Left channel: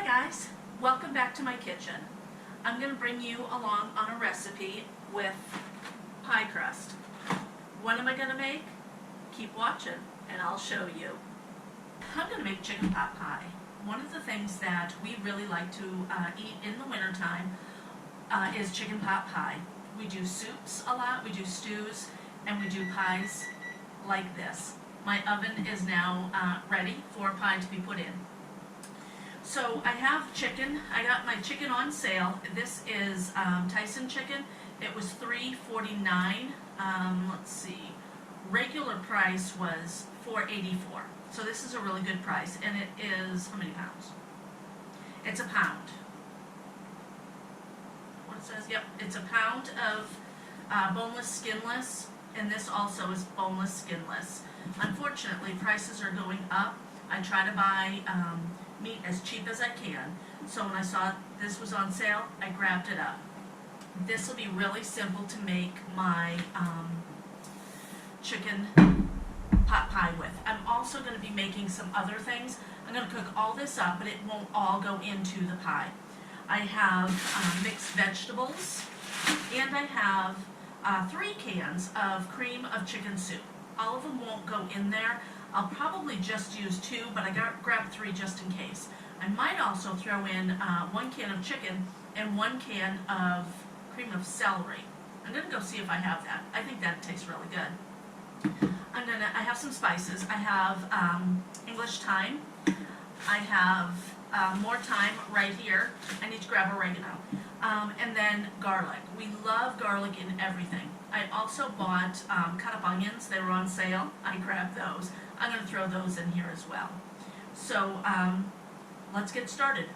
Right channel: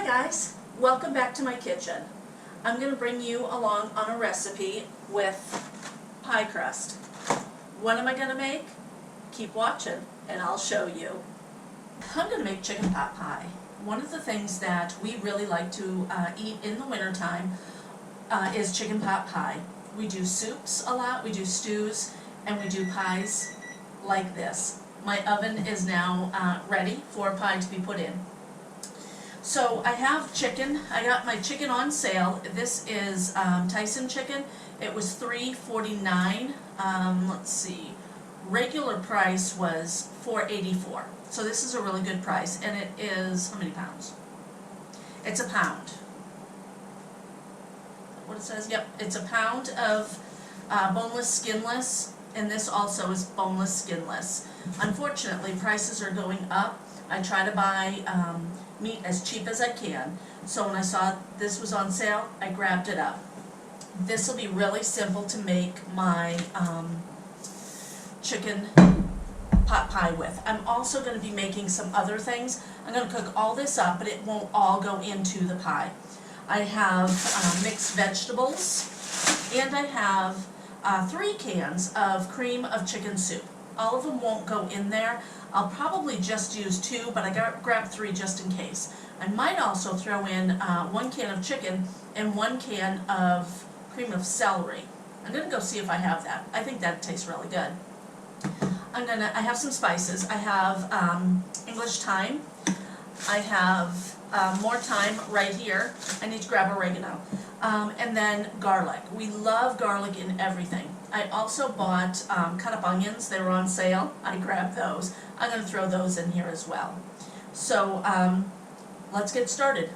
Hi guys, welcome back to my kitchen. I'm going to bring you along on a recipe with pie crust. What am I going to make? Keep watching and I'll show you. I'm going to make chicken pot pie. One of the things that we really like to eat in the wintertime is chicken pot pie. We do soups a lot, we do stews, and we do pies like this. My oven is now ready for pie to be put in. So I have chicken. I got my chicken on sale. This is Tyson chicken. It was $3.49. Let's see. Regular price was $4.84. So this is a really good price, and it is how many pounds? It's a pound. Is that what it says? Yep, it's a pound of boneless, skinless, and this also is boneless, skinless. Unfortunately, prices are going up. I try to buy meat as cheap as I can. So when I saw this was on sale, I grabbed it up. This will be really simple to make my chicken pot pie with. I'm also going to be making some other things. I'm going to cook all this up, but it won't all go into the pie. I have mixed vegetables, and I have 3 cans of cream of chicken soup. All of them won't go in there. I'll probably just use 2, but I grabbed 3 just in case. I might also throw in 1 can of chicken and 1 can of cream of celery. I'm gonna go see if I have that. I think that tastes really good. I have some spices. I have English thyme. I have more thyme right here. I need to grab oregano. And then garlic. We love garlic in everything. I also bought cut up onions. They were on sale. I grabbed those. I'm going to throw those in here as well. So let's get started.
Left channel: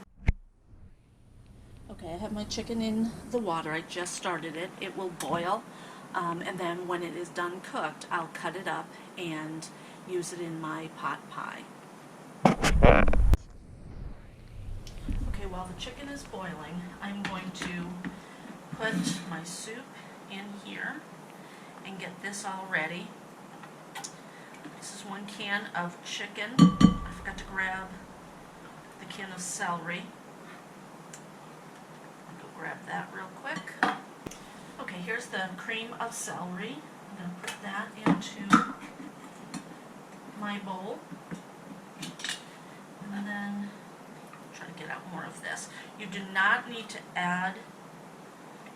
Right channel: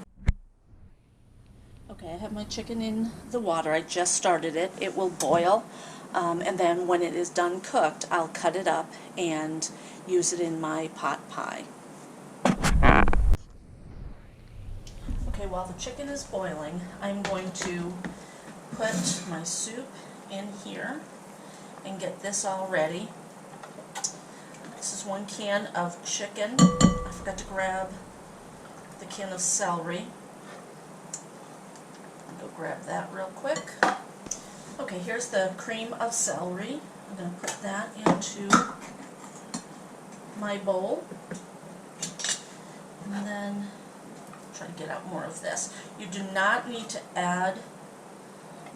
Okay, I have my chicken in the water. I just started it. It will boil. And then when it is done cooked, I'll cut it up and use it in my pot pie. Okay, while the chicken is boiling, I'm going to put my soup in here and get this all ready. This is 1 can of chicken. I forgot to grab the can of celery. I'll go grab that real quick. Okay, here's the cream of celery. I'm going to put that into my bowl. And then try to get out more of this. You do not need to add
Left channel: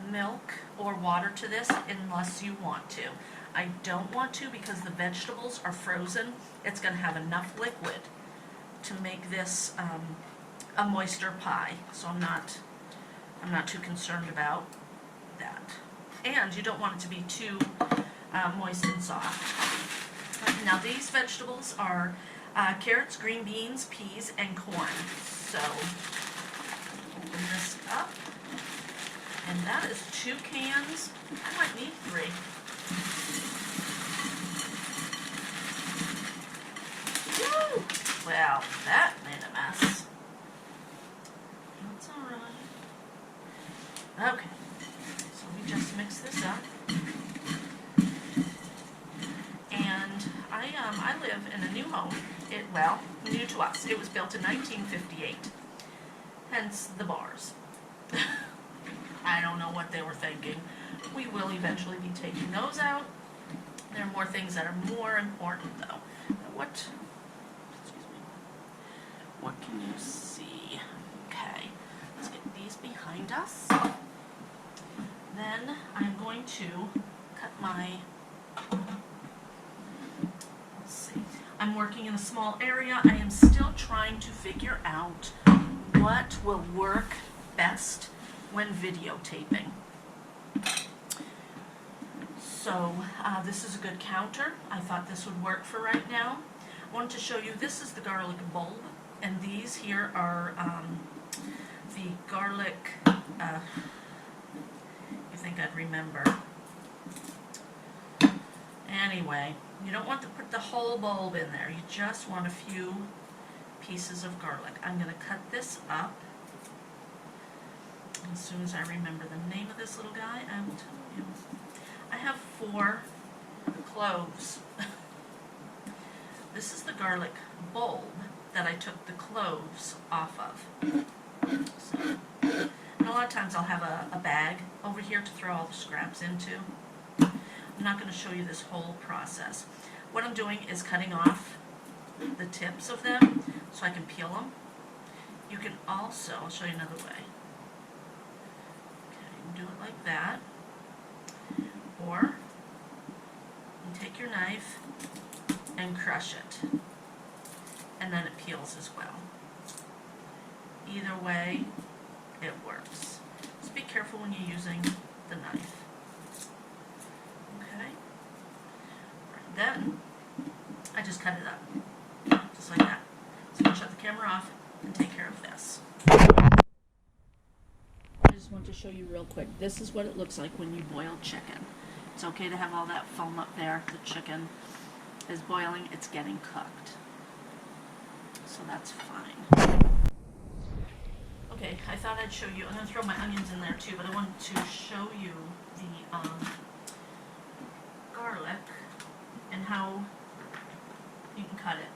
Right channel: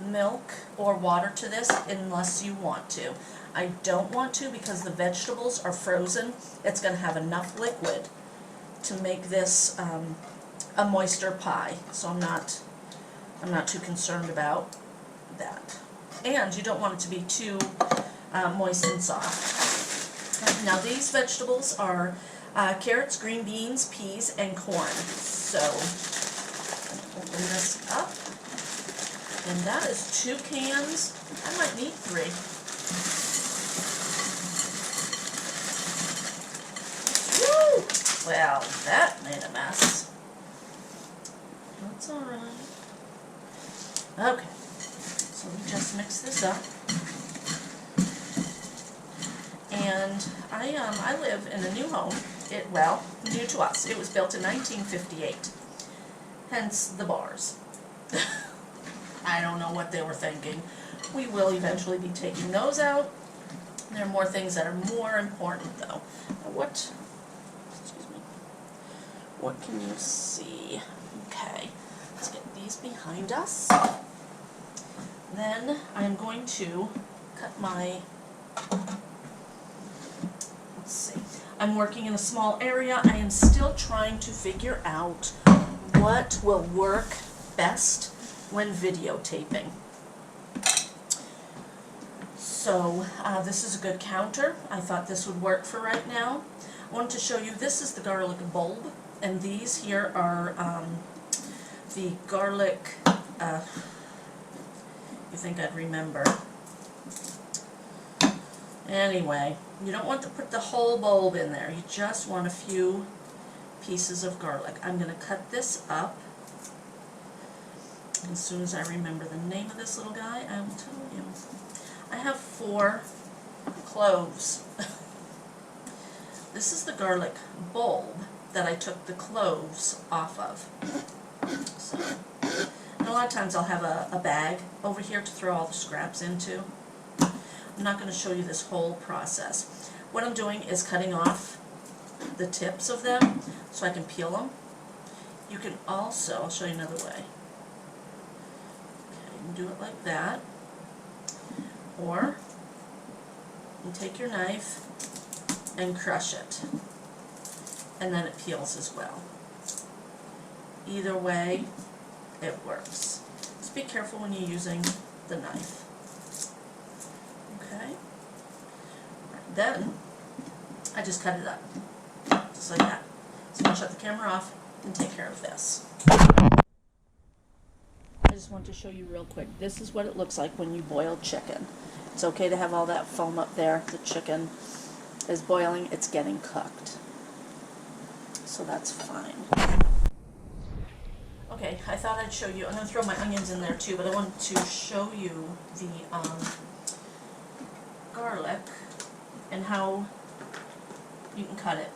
milk or water to this unless you want to. I don't want to because the vegetables are frozen. It's going to have enough liquid to make this a moister pie. So I'm not too concerned about that. And you don't want it to be too moist and soft. Now these vegetables are carrots, green beans, peas, and corn. So open this up, and that is 2 cans. I might need 3. Woo! Well, that made a mess. That's all right. Okay, so we just mix this up. And I live in a new home. Well, new to us. It was built in 1958. Hence the bars. I don't know what they were thinking. We will eventually be taking those out. There are more things that are more important though. Now what can you see? Okay, let's get these behind us. Then I'm going to cut my, let's see. I'm working in a small area. I am still trying to figure out what will work best when videotaping. So this is a good counter. I thought this would work for right now. I wanted to show you, this is the garlic bulb, and these here are the garlic, you think I'd remember. Anyway, you don't want to put the whole bulb in there. You just want a few pieces of garlic. I'm going to cut this up. As soon as I remember the name of this little guy, I will tell you. I have 4 cloves. This is the garlic bulb that I took the cloves off of. lot of times I'll have a bag over here to throw all the scraps into. I'm not going to show you this whole process. What I'm doing is cutting off the tips of them so I can peel them. You can also, I'll show you another way. Okay, you can do it like that. Or you take your knife and crush it. And then it peels as well. Either way, it works. Just be careful when you're using the knife. Okay? Right, then, I just cut it up. Just like that. So I'll shut the camera off and take care of this. I just want to show you real quick. This is what it looks like when you boil chicken. It's okay to have all that foam up there. The chicken is boiling. It's getting cooked. So that's fine. Okay, I thought I'd show you, I'm going to throw my onions in there too, but I wanted to show you the garlic and how you can cut it.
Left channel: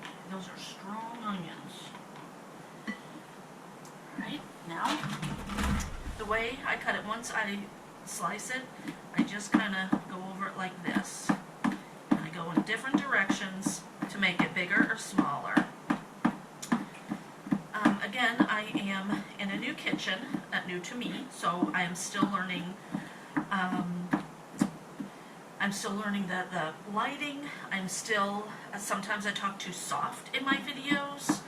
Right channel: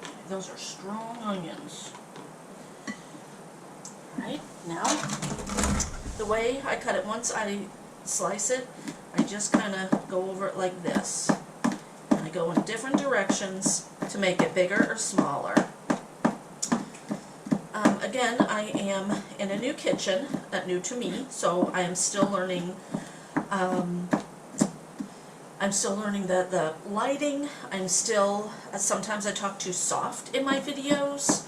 Okay, those are strong onions. Right, now, the way I cut it, once I slice it, I just kind of go over it like this. And I go in different directions to make it bigger or smaller. Again, I am in a new kitchen, new to me, so I am still learning. I'm still learning the lighting. I'm still, sometimes I talk too soft in my videos.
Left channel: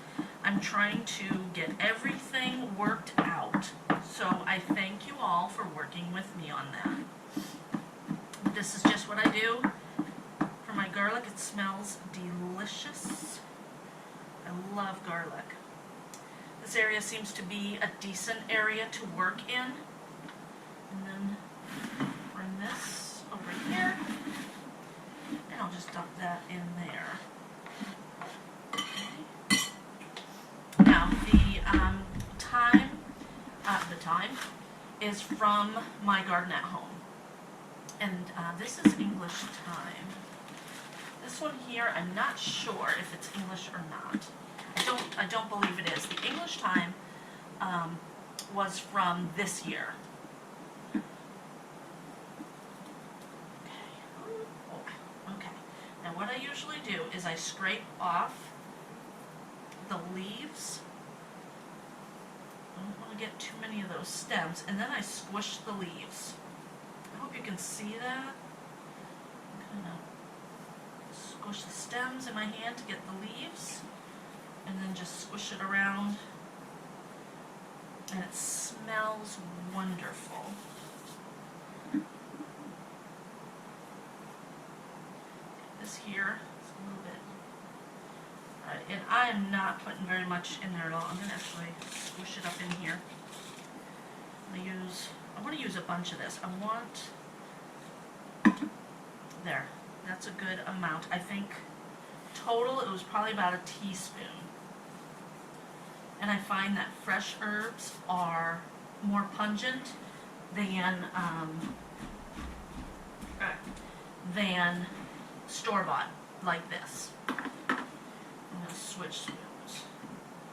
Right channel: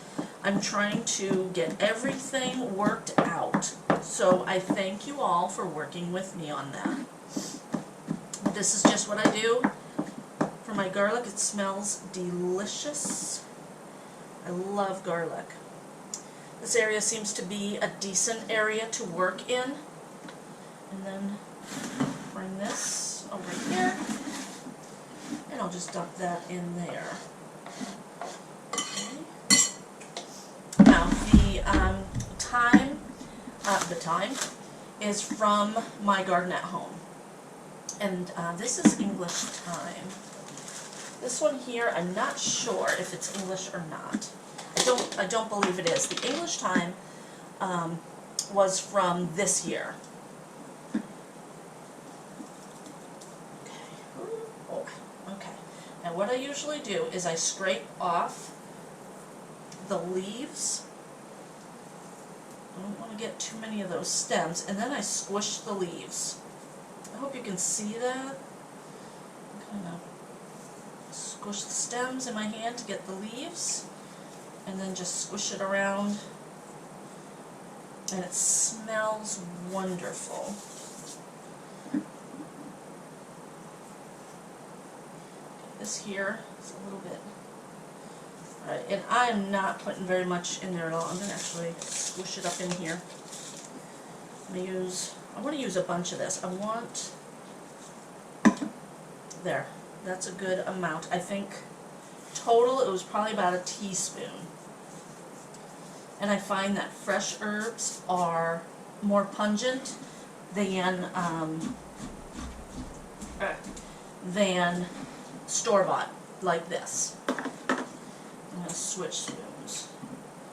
I'm trying to get everything worked out. So I thank you all for working with me on that. This is just what I do for my garlic. It smells delicious. I love garlic. This area seems to be a decent area to work in. And then bring this over here, and I'll just dump that in there. Okay. Now the thyme is from my garden at home, and this is English thyme. This one here, I'm not sure if it's English or not. I don't believe it is. The English thyme was from this year. Okay. Now what I usually do is I scrape off the leaves. I don't want to get too many of those stems, and then I squish the leaves. I hope you can see that. Kind of squish the stems in my hand to get the leaves, and then just squish it around, and it smells wonderful. This here is a little bit, alright, and I am not putting very much in there at all. I'm going to actually squish it up in here. I want to use a bunch of this. There, that's a good amount. I think total it was probably about a teaspoon. And I find that fresh herbs are more pungent than store-bought, like this. I'm going to switch spoons.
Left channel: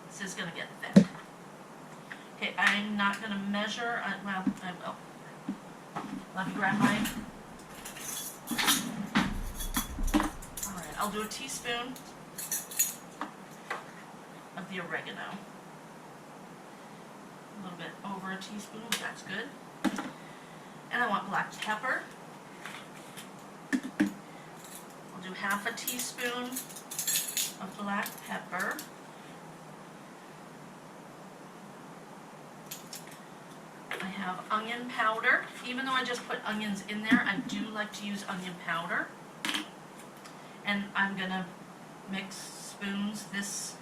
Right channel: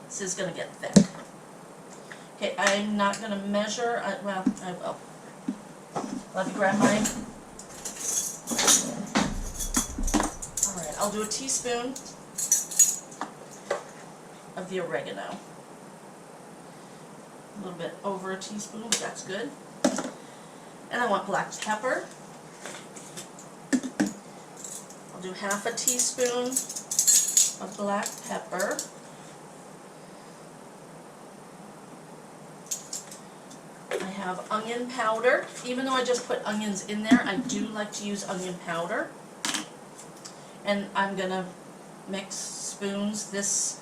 This is going to get thick. Okay, I'm not going to measure, well, I will. Let me grab mine. Alright, I'll do a teaspoon of the oregano. A little bit over a teaspoon, but that's good. And I want black pepper. I'll do half a teaspoon of black pepper. I have onion powder. Even though I just put onions in there, I do like to use onion powder. And I'm going to mix spoons this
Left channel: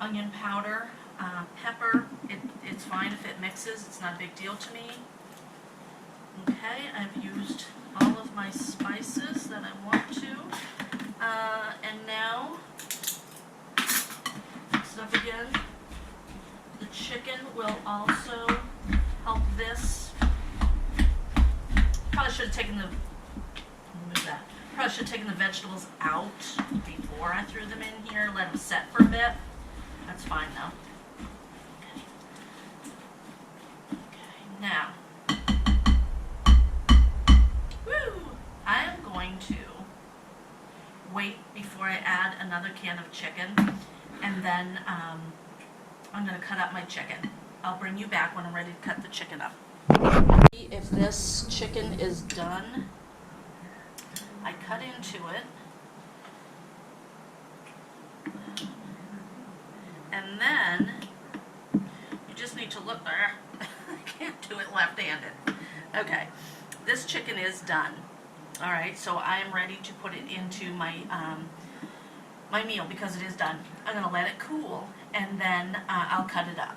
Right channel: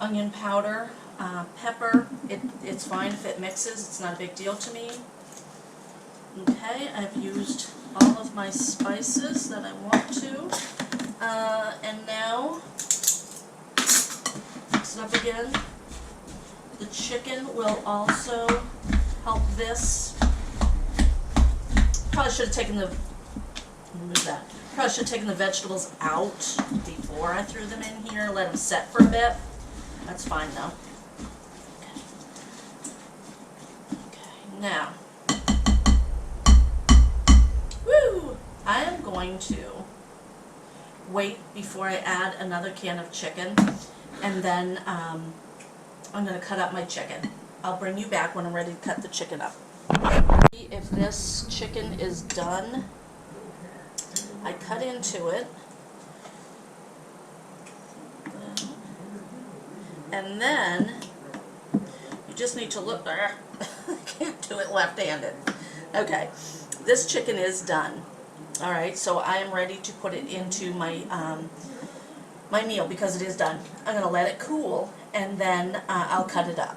onion powder, pepper. It's fine if it mixes. It's not a big deal to me. Okay, I've used all of my spices that I want to. And now, mix it up again. The chicken will also help this. Probably should have taken the, move that. Probably should have taken the vegetables out before I threw them in here. Let them set for a bit. That's fine though. Okay. before I add another can of chicken, and then I'm gonna cut up my chicken. I'll bring you back when I'm ready to cut the chicken up. If this chicken is done, I cut into it, and then you just need to look there. I can't do it left-handed. Okay, this chicken is done. All right, so I am ready to put it into my my meal because it is done. I'm gonna let it cool, and then I'll cut it up.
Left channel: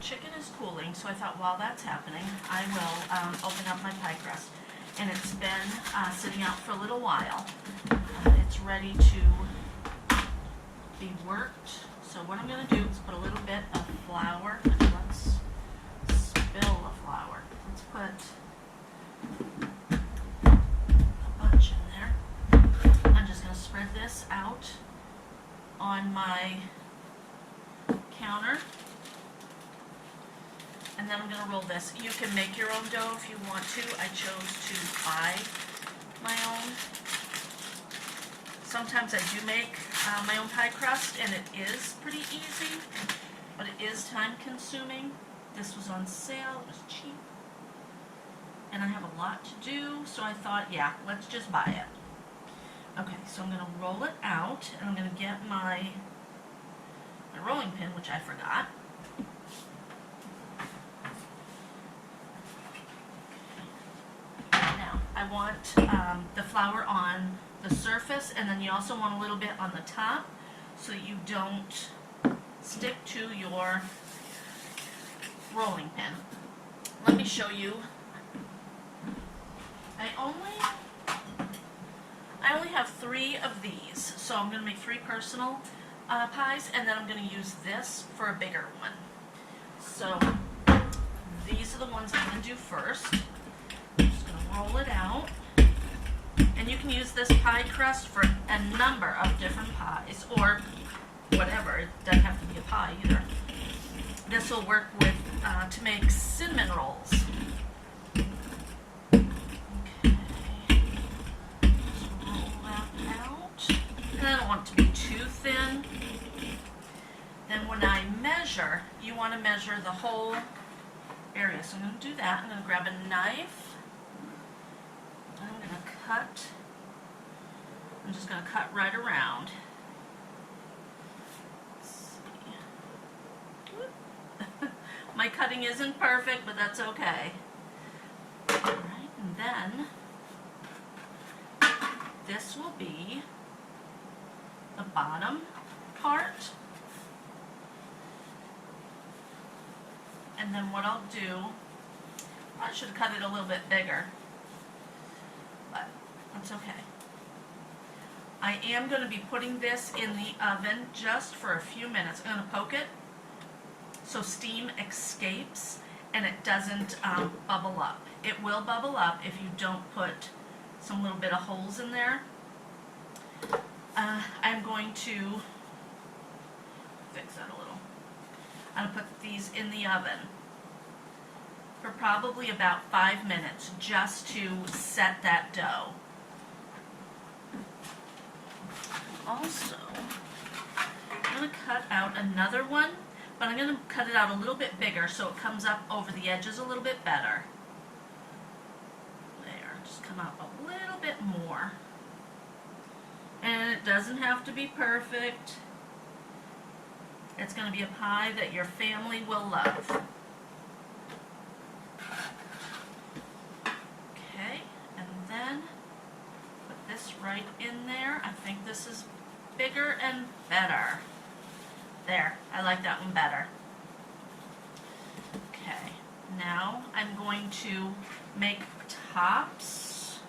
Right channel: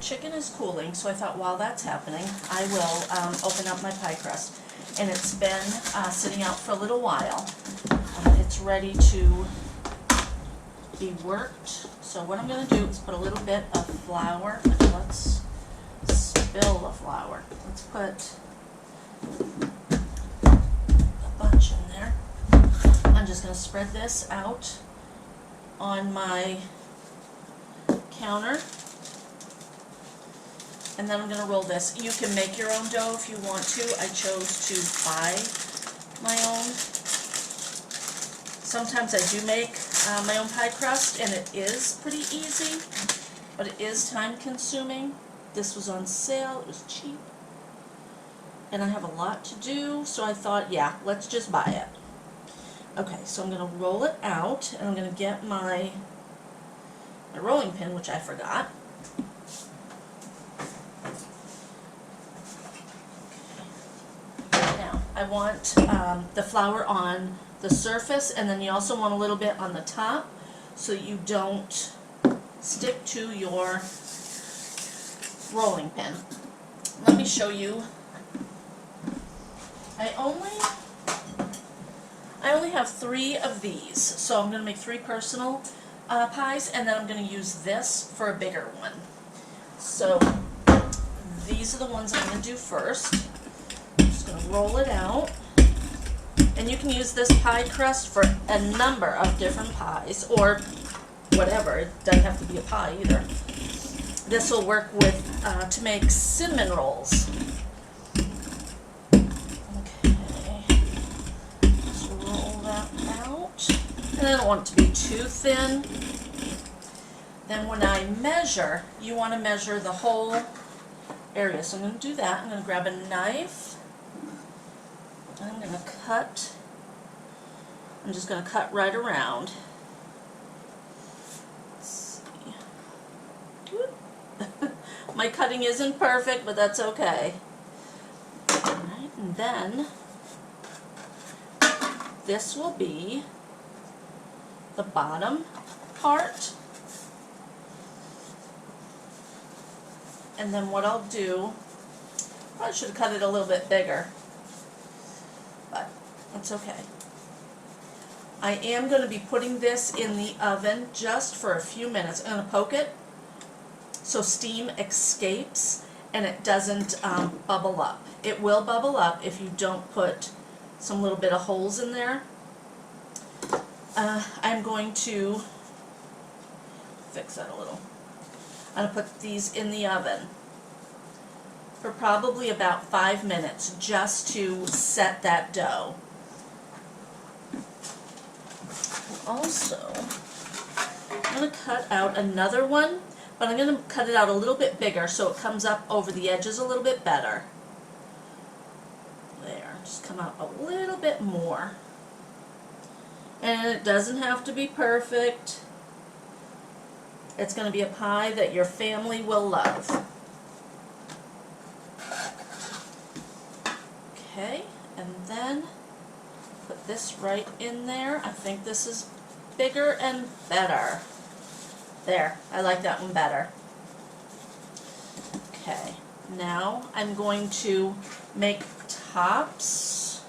Chicken is cooling, so I thought while that's happening, I will open up my pie crust. And it's been sitting out for a little while. It's ready to be worked. So what I'm going to do is put a little bit of flour. Let's spill the flour. Let's put a bunch in there. I'm just going to spread this out on my counter. And then I'm going to roll this. You can make your own dough if you want to. I chose to buy my own. Sometimes I do make my own pie crust, and it is pretty easy, but it is time consuming. This was on sale, it was cheap, and I have a lot to do, so I thought, yeah, let's just buy it. Okay, so I'm going to roll it out, and I'm going to get my rolling pin, which I forgot. I want the flour on the surface, and then you also want a little bit on the top so you don't stick to your rolling pin. Let me show you. I only have 3 of these, so I'm going to make 3 personal pies, and then I'm going to use this for a bigger one. So these are the ones I'm going to do first. Going to roll it out, and you can use this pie crust for a number of different pies or whatever. It doesn't have to be a pie either. This will work with to make cinnamon rolls. Okay, just roll that out, and I don't want it to be too thin. Then when I measure, you want to measure the whole area. So I'm going to do that. I'm going to grab a knife. I'm going to cut, I'm just going to cut right around. Let's see. My cutting isn't perfect, but that's okay. Alright, and then this will be the bottom part. And then what I'll do, I should have cut it a little bit bigger. But that's okay. I am going to be putting this in the oven just for a few minutes. I'm going to poke it so steam escapes and it doesn't bubble up. It will bubble up if you don't put some little bit of holes in there. I'm going to fix that a little. I'm going to put these in the oven for probably about 5 minutes just to set that dough. Also, I'm going to cut out another one, but I'm going to cut it out a little bit bigger so it comes up over the edges a little bit better. There, just come out a little bit more. And it doesn't have to be perfect. It's going to be a pie that your family will love. Okay, and then put this right in there. I think this is bigger and better. There, I like that one better. Okay, now I'm going to make tops.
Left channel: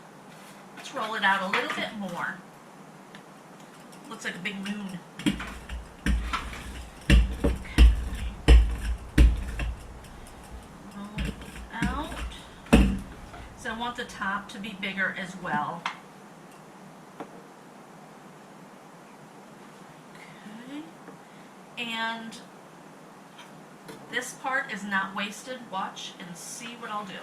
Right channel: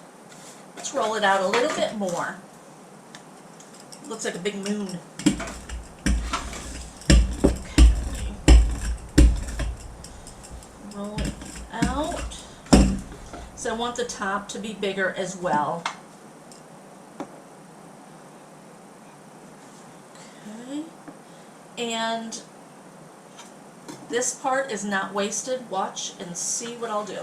Let's roll it out a little bit more. Looks like a big moon. Okay. Roll it out. So I want the top to be bigger as well. Okay. And this part is not wasted. Watch and see what I'll do.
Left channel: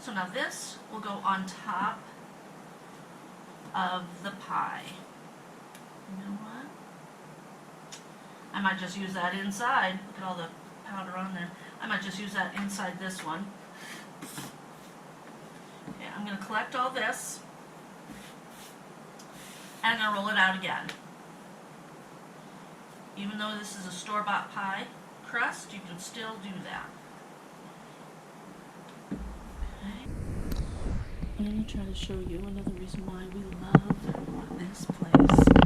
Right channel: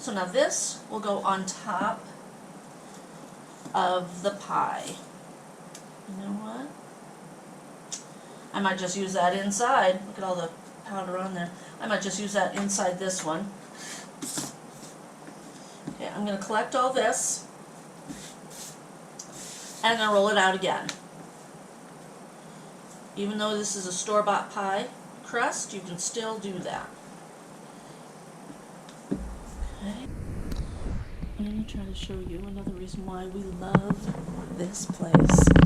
So now this will go on top of the pie. You know what? I might just use that inside. Look at all the powder on there. I might just use that inside this one. Okay, I'm going to collect all this, and I'm going to roll it out again. Even though this is a store-bought pie crust, you can still do that. Okay. I'm going to try to show you another reason why we love this place.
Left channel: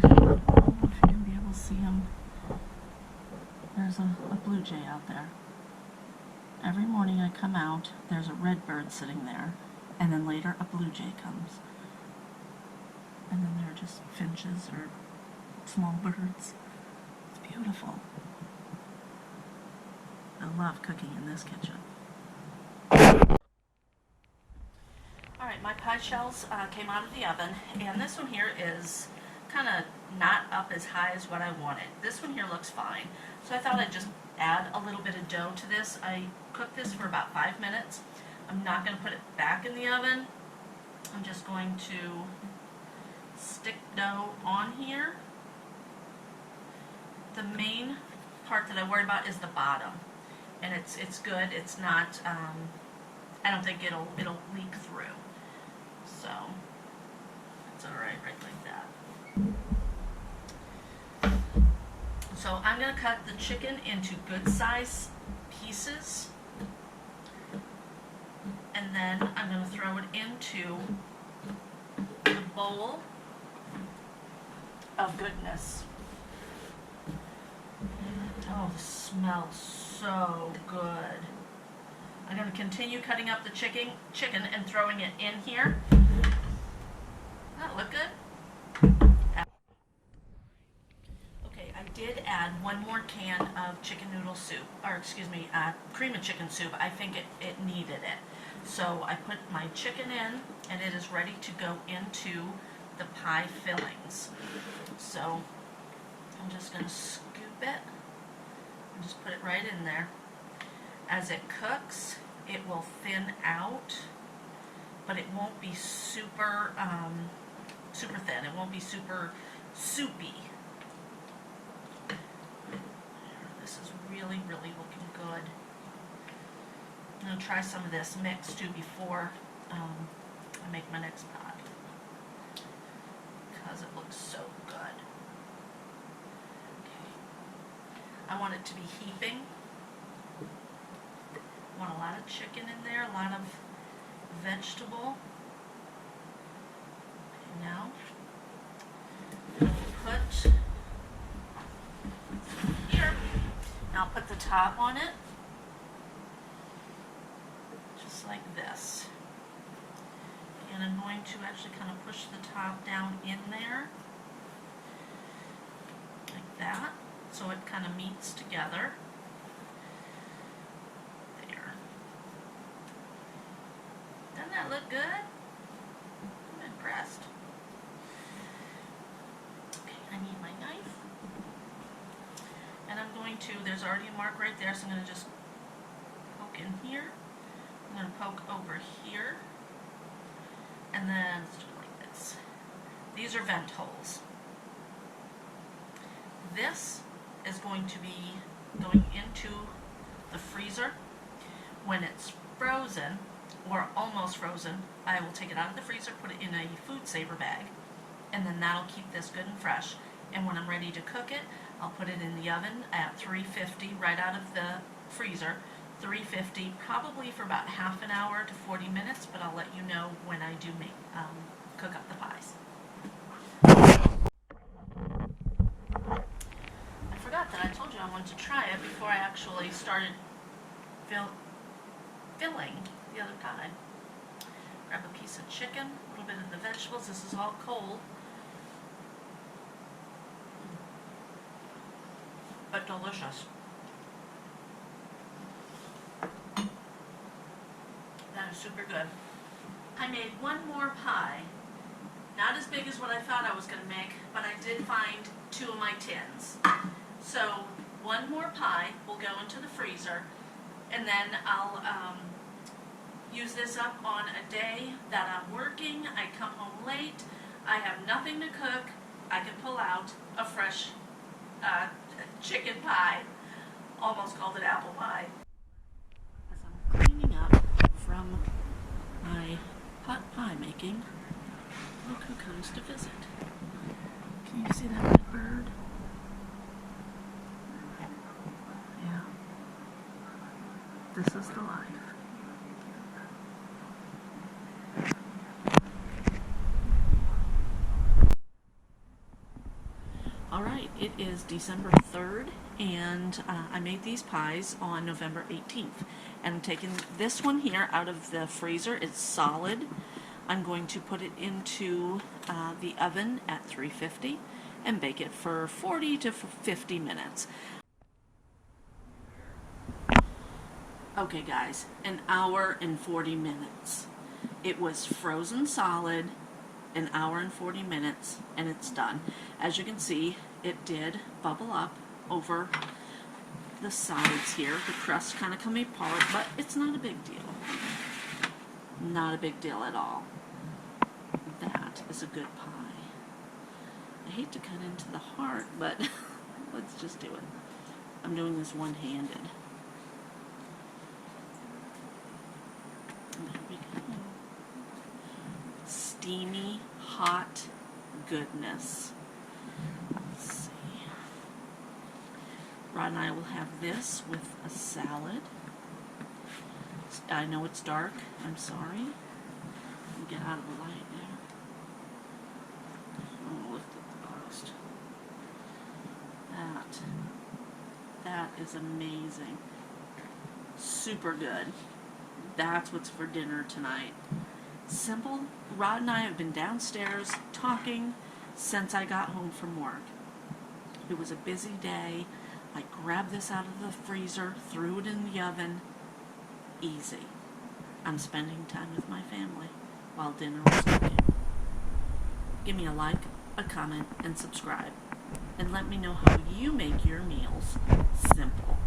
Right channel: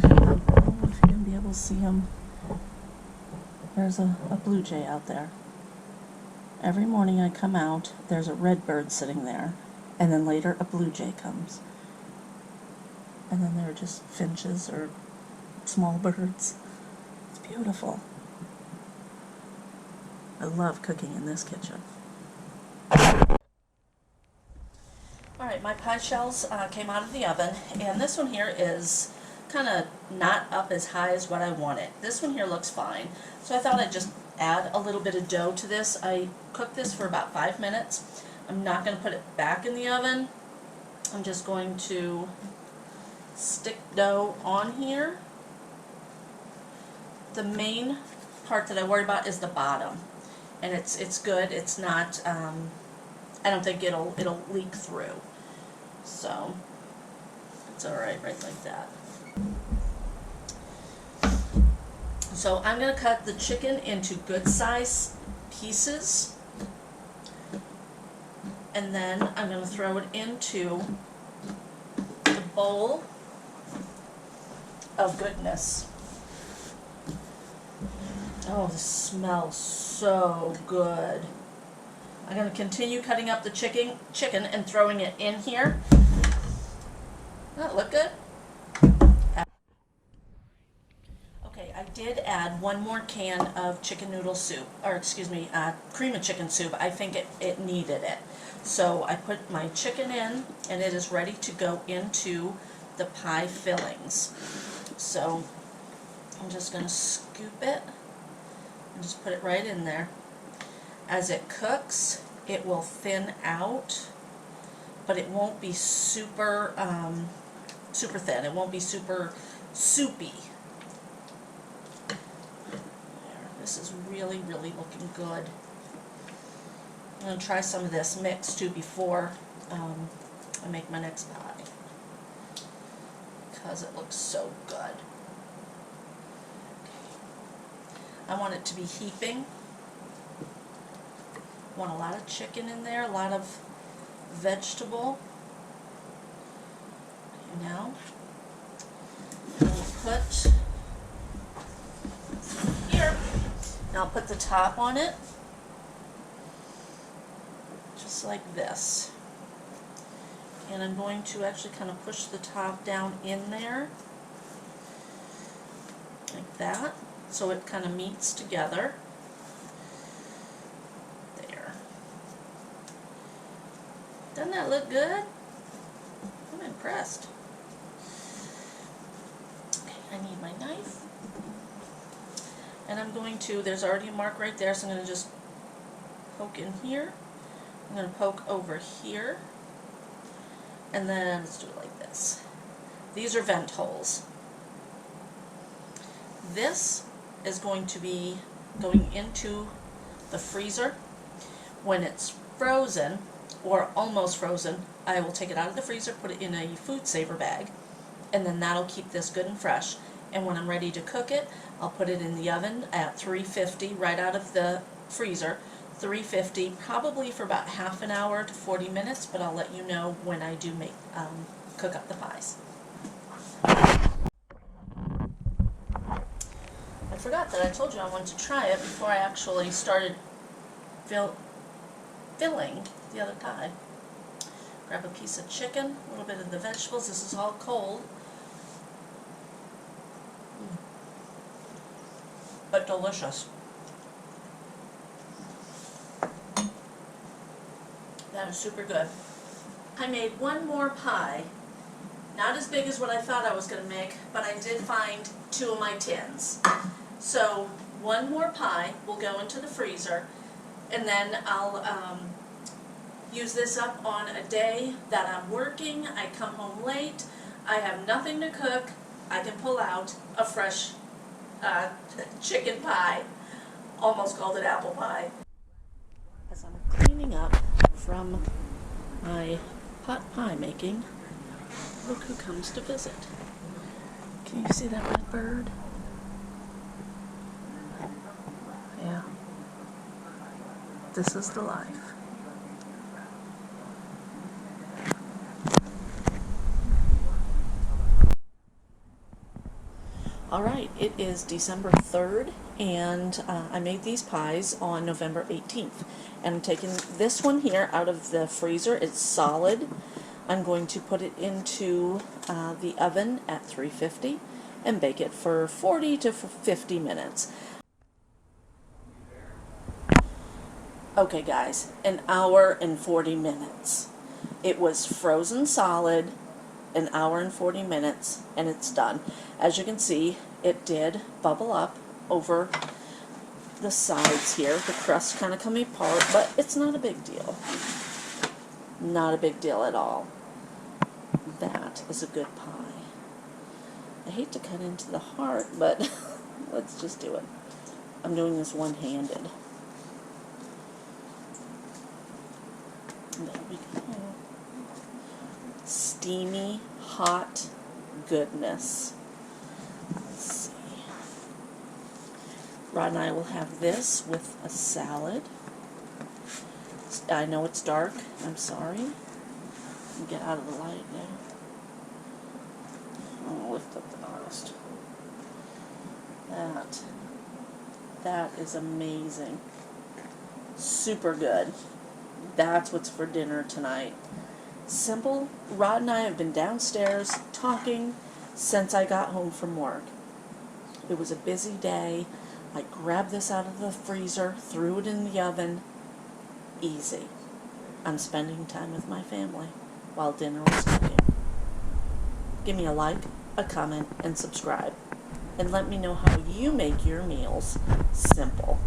Oh, if you're going to be able to see them. There's a blue jay out there. Every morning I come out, there's a red bird sitting there, and then later a blue jay comes. And then there are just finches or small birds. It's beautiful. I love cooking in this kitchen. Alright, my pie shells came out of the oven, and this one here is kind of not up as high as what I wanted. This one here looks fine, so I thought I'd just add a little bit of dough to this. I cooked this for about 5 minutes. I'm not going to put it back in the oven. I'm just going to stick dough on here. The main part that I worry about is the bottom, and it's good. It's not. I don't think it'll leak through, so it's all right like that. So I'm going to cut the chicken into good size pieces, and then I'm going to throw it into the bowl of goodness. Oh, this smells so good. I'm going to continue cutting up the chicken and throwing it in here. Does that look good? Okay, I did add one more can of chicken noodle soup, or excuse me, cream of chicken soup. I think it needed it. So I put my chicken in, and it is ready to go into the pie fillings. So I'm just going to scoop it and just put it right in there. As it cooks, it will thin out, but it won't be super super thin. It won't be super soupy. There. This is really, really looking good. I'm going to try some of this mix too before I make my next pie, because it looks so good. I want it to be heaping. I want a lot of chicken in there, a lot of vegetable. Okay, now I'm going to put here, and I'll put the top on it, just like this. And I'm going to actually kind of push the top down in there, like that, so it kind of meets together. There. Doesn't that look good? I'm impressed. Okay, I need my knife. And I'm going to, there's already a mark right there, so I'm going to just poke in here. I'm going to poke over here. And then let's do it like this. These are vent holes. This is going to be going into the freezer. When it's frozen, or almost frozen, I will take it out of the freezer, put it in a food saver bag, and then that'll keep this good and fresh. And when I'm ready to cook it, I'll put it in the oven at 350 right out of the freezer. 350, probably for about half an hour to 40 minutes, but I'll let you know when I do make cook up the pies. I forgot that I told you I wanted to try it before I actually started filling the other pie. Grab a piece of chicken, a little bit of the vegetables. This is all cold, but delicious. That is super good. I made one more pie. Not as big as what I thought I was going to make, but I did find 2 of my tins. So one more pie will go into the freezer, and then I'll use this up on a day that I'm working. I come home late. I have nothing to cook, I can pull out a fresh chicken pie. Almost called it apple pie. As I'm cleaning up from my pot pie making, look who comes to visit. Can you see that red bird? Yeah. This is the life. All right, it is December 3rd, and I made these pies on November 18th. And I'm taking this one here out of the freezer. It's solid. I'm going to put it into the oven at 350 and bake it for 40 to 50 minutes. Okay guys, an hour and 40 minutes. It was frozen solid, an hour and 40 minutes, and it's done. As you can see, it did bubble up over the sides here. The crust kind of coming apart, but it's not a big deal. Not a big deal at all. That is a good pie. I hate to cut into the heart, but let's just do it. I'm doing this one-handed. There we go. Steamy, hot goodness. Let's see. Rod and I will have this with a salad. I know it's dark. I'm sorry. Get out of the light there. I'm going to lift up the post. That is amazing. Super good. That's what's for dinner tonight. Simple. Rod and I have been downstairs talking since I got home from work. It was a busy day. I grabbed this out of the freezer, threw it in the oven. Easy. I'm spending time with my family while dinner was cooking. Give me a like, a comment, and subscribe. And let me know how you make your meals simple.